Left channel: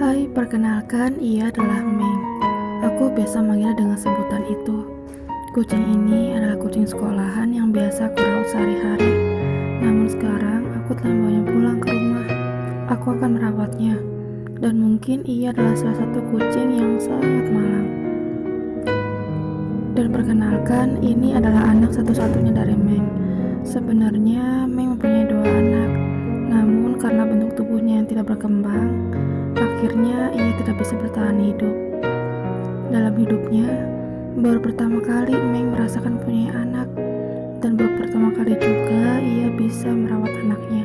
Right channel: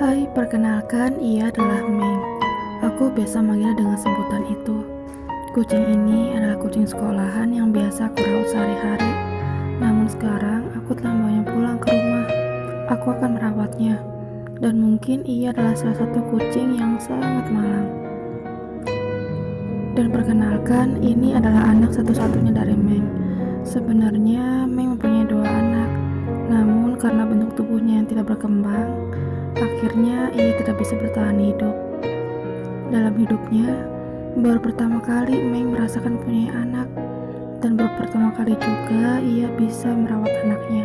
Hai, perkenalkan, ia adalah Meng. Aku biasa manggil dengan sebutan itu. Kucing ini adalah kucing sekolahan yang biasa aku rawat sehari-hari. Namun sekarang aku telah membawanya pulang ke rumah. Aku akan merawatnya. Dan mungkin ia adalah salah satu kucing yang sangat malang. Dan perkenalkan, ini adalah anak satu-satunya dari Meng. Sebenarnya Meng mempunyai 2 anak. Namun karena bentuk tubuhnya yang tidak berkembang, akhirnya ia tidak bisa bertahan hidup. Dalam hidupnya, baru pertama kali Meng merasakan punya anak, dan baru pertama kali juga ia bisa merawat anaknya.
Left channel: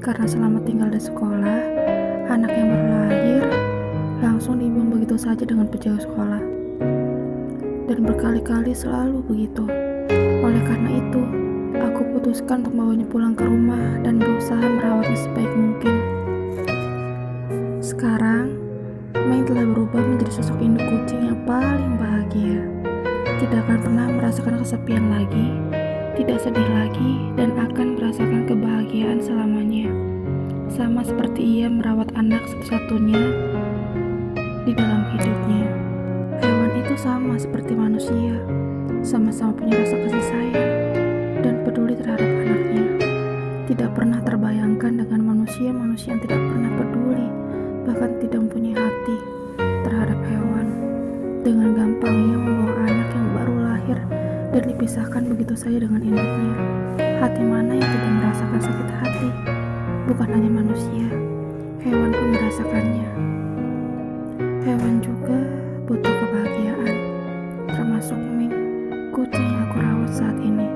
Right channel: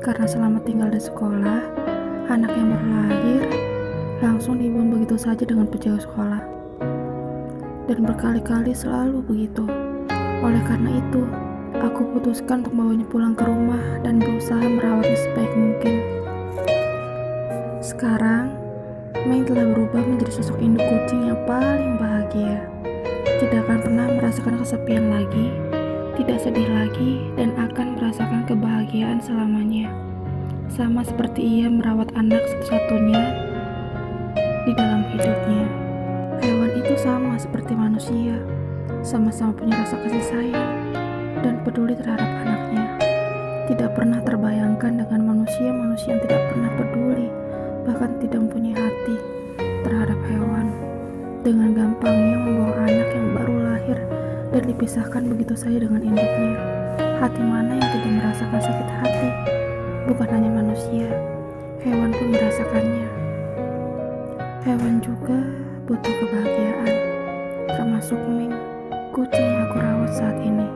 Karena selama tinggal di sekolah, anak yang baru lahir langsung dibuang begitu saja dengan penjaga sekolah. Dan berkali-kali selalu begitu. Oleh karena itu, aku putuskan untuk membawanya pulang ke rumah dan berusaha merawatnya sebaik mungkin. Sekarang, Meng telah berubah menjadi sosok induk kucing yang paling bahagia. Tidak akan pernah merasakan kesepian lagi, tidak sedih lagi, dan akan merasakan kebahagiaan selamanya. Sama seperti ia merawat anak satu-satunya di dalam hidupnya. Hewan itu sama seperti manusia, sama-sama punya rasa kasih sayang dan peduli terhadap anaknya. Tidak pernah terbayangkan dengan manusia-manusia yang tidak pernah peduli, bahkan tidak mempunyai hati terhadap hewan. Dengan gampangnya membuang anak yang baru lahir dan dipisahkan begitu saja dengan induknya. Hati mana yang tidak merasakan sakit hati? Bukan hanya manusia, hewan pun merasakannya. Hewan juga butuh kebahagiaan, termasuk Meng, kucing yang aku rawat saat ini.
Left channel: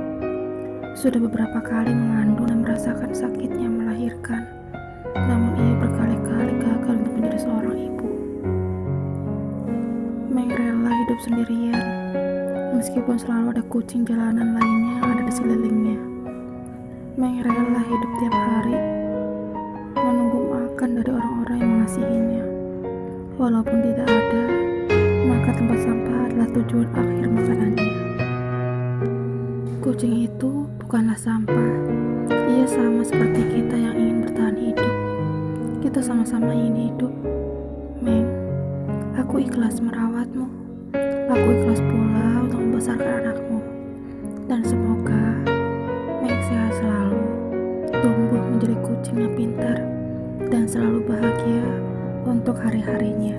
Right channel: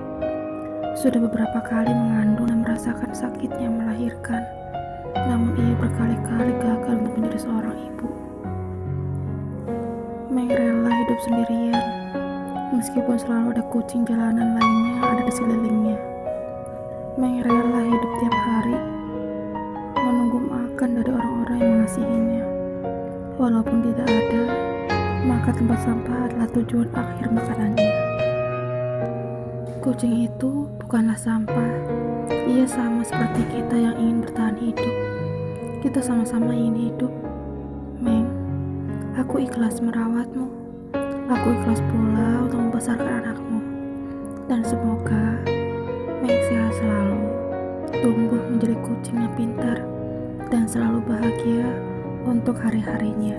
Sudah beberapa kali mengandung dan merasakan sakitnya melahirkan, namun ia berkali-kali gagal untuk menjadi seorang ibu. Meng rela hidup sendirian, meskipun selalu ada kucing jalanan lainnya yang ada di sekelilingnya. Meng rela hidup tiap hari, menunggu makan dari orang-orang yang mengasihinya. Walaupun tidak ada, maka tempat sampah adalah tujuan akhir makanannya. Kucing itu bukanlah sampah. Ia sama seperti kita yang ingin bertahan hidup. Kita sama-sama ingin hidup. Meng, aku ikhlas merawatmu. Aku ikhlas pula untuk membesarkan anakmu. Dan semoga Meng sehat selalu, tumbuh menjadi kucing yang pintar, dan selalu bahagia untuk hari-harinya.